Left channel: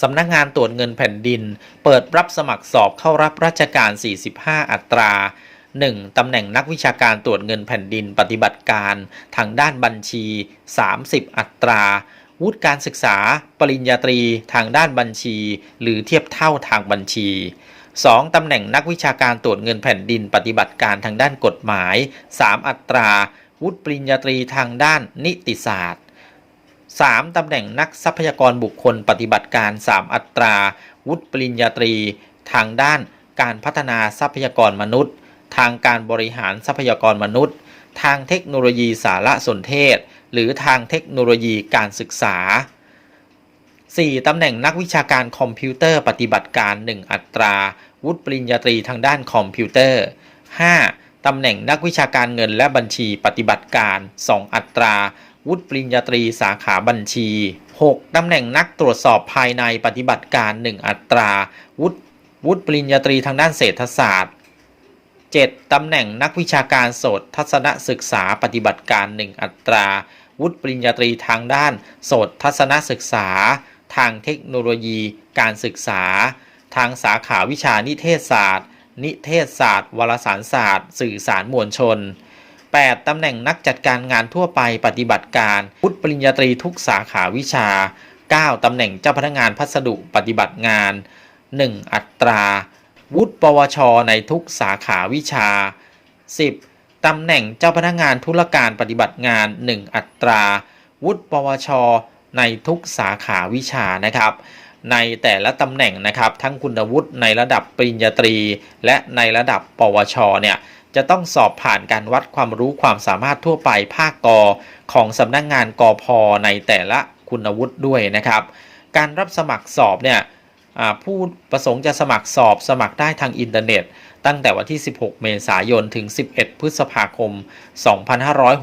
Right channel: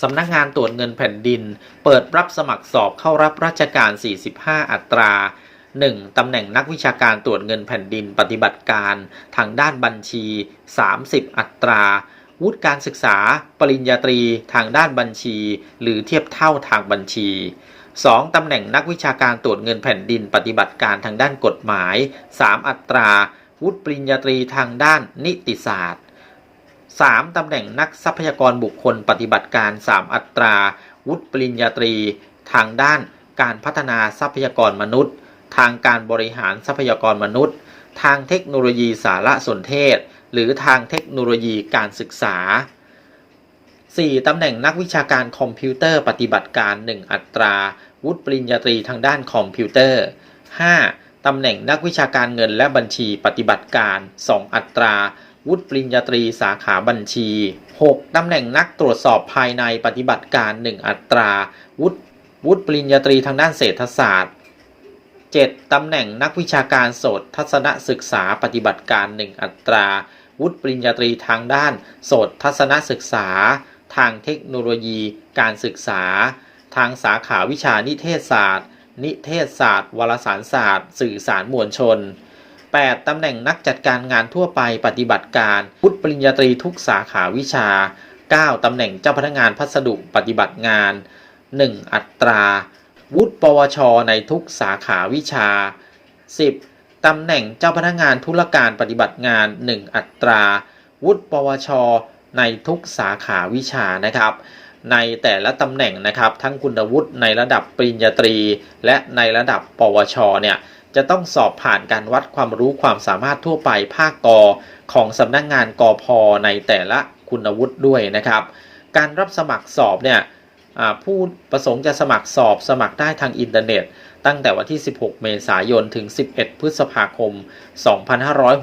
สำนักงานตรวจเงินแผ่นดิน เปิดรับสมัครสอบเข้ารับราชการ 45 อัตรา 1. ตำแหน่งนักวิชาการตรวจเงินแผ่นดินปฏิบัติการ ทางด้านบัญชี 30 อัตรา วุฒิการศึกษา ปริญญาตรี ทางด้านบัญชี หรือเทียบเท่าทางบัญชี 2. ตำแหน่งนักวิชาการตรวจเงินแผ่นดินปฏิบัติการทางด้านกฎหมาย 3 อัตรา วุฒิปริญญาตรีทางด้านนิติศาสตร์ 3. ตำแหน่งนักทรัพยากรบุคคลปฏิบัติการ 3 อัตรา วุฒิปริญญาตรี ทางด้านการพัฒนาทรัพยากรมนุษย์ ทางการบริหารทรัพยากรมนุษย์ ทางเทคโนโลยีสารสนเทศ หรือทางเทคโนโลยีการศึกษา 4. ตำแหน่งนักวิชาการคอมพิวเตอร์ปฏิบัติการ 1 อัตรา วุฒิปริญญาตรีทางด้านคอมพิวเตอร์ 5. ตำแหน่งนักวิชาการเงินและบัญชีปฏิบัติการ 2 อัตรา วุฒิปริญญาตรีสาขาบัญชี 6. ตำแหน่งนักตรวจสอบภายในปฏิบัติการ 1 อัตรา วุฒิวุฒิปริญญาตรีทางด้านเศรษฐศาสตร์ 7. ตำแหน่งนักวิชาการโสตทัศนศึกษาปฏิบัติการ 1 อัตรา วุฒิปริญญาตรีทางด้านโสตทัศนศึกษา ทางเทคโนโลยี การศึกษา ทางสาขาวิชานิเทศศาสตร์ นิเทศศาสตร์ วารสารศาสตร์ สื่อสารมวลชน 8. ตำแหน่งนักจัดการงานทั่วไปปฏิบัติการวุฒิปริญญาตรีทุกสาขาวิชา 9. ตำแหน่งเจ้าพนักงานพัสดุปฏิบัติงาน 1 อัตรา วุฒิปวช ในทุกสาขาวิชา 10. ตำแหน่งเจ้าพนักงานธุรการปฏิบัติงาน 1 อัตรา วุฒิปวช ในทุกสาขาวิชานะครับในแต่ละตำแหน่งนะครับ ทั้งคุณวุฒิในระดับปริญญาตรี และในระดับปวชเนี่ย จะต้องสอบผ่านการวัดความรู้ความสามารถทั่วไปภาคกอของสำนักงานกอพอในแต่ละคุณวุฒิด้วยนะครับ การรับสมัครสอบเนี่ยผู้ประสงค์จะสมัครสอบสมัครได้ทางอินเทอร์เน็ต ตั้งแต่วันที่ 16 เมษายน ถึง 11 พฤษภาคม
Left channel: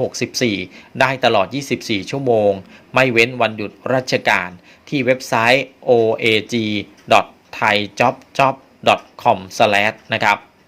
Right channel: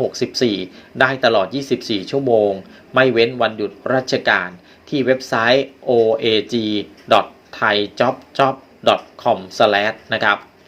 2564 ได้ตลอด 24 ชั่วโมง ไม่เว้นวันหยุดราชการ ที่เว็บไซต์ oag.thaijobjob.com/ นะครับ